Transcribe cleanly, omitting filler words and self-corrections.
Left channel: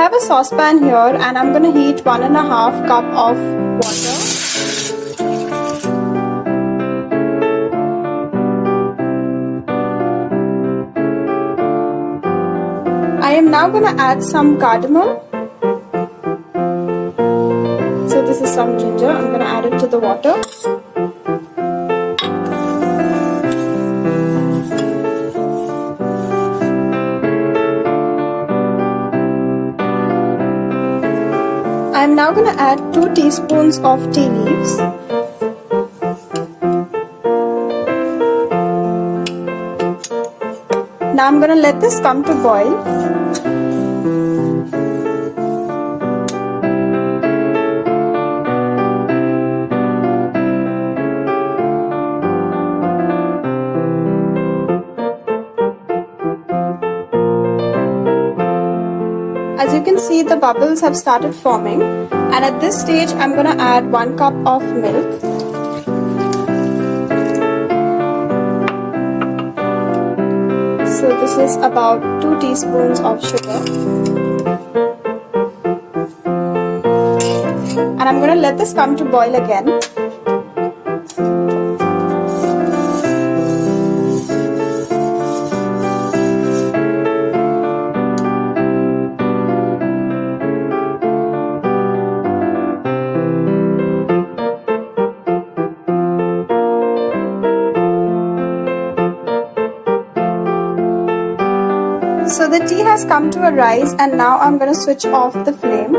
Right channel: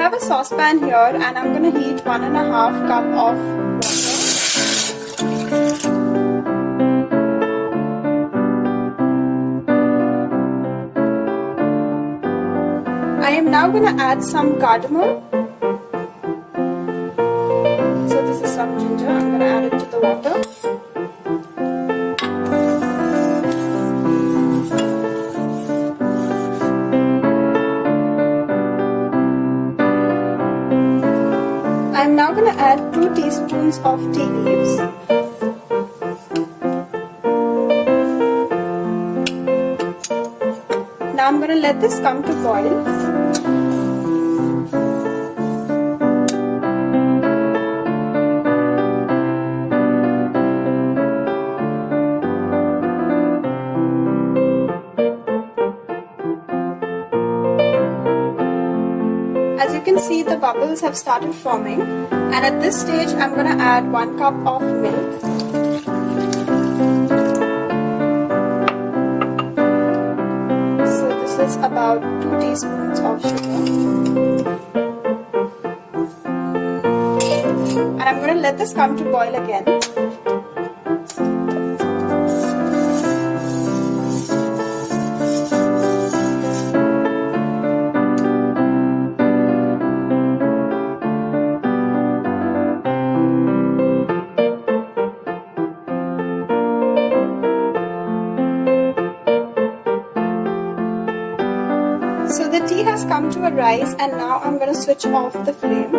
have a saucepan here and I'm going to heat 1.5 cup of water. I am now going to add some cardamom. So this is some ginger. I'm going to add it to the water. I'm now going to add 2 teaspoons of tea leaves. Now I'm going to let this come to boil. As you can see, the bubbles have started forming, and at this stage I'm going to add 1 cup of milk. So this is about 2 teaspoons of sugar. And I'm going to let this come to boil again. So the tea has come to a rise, and now I'm going to switch off the flame.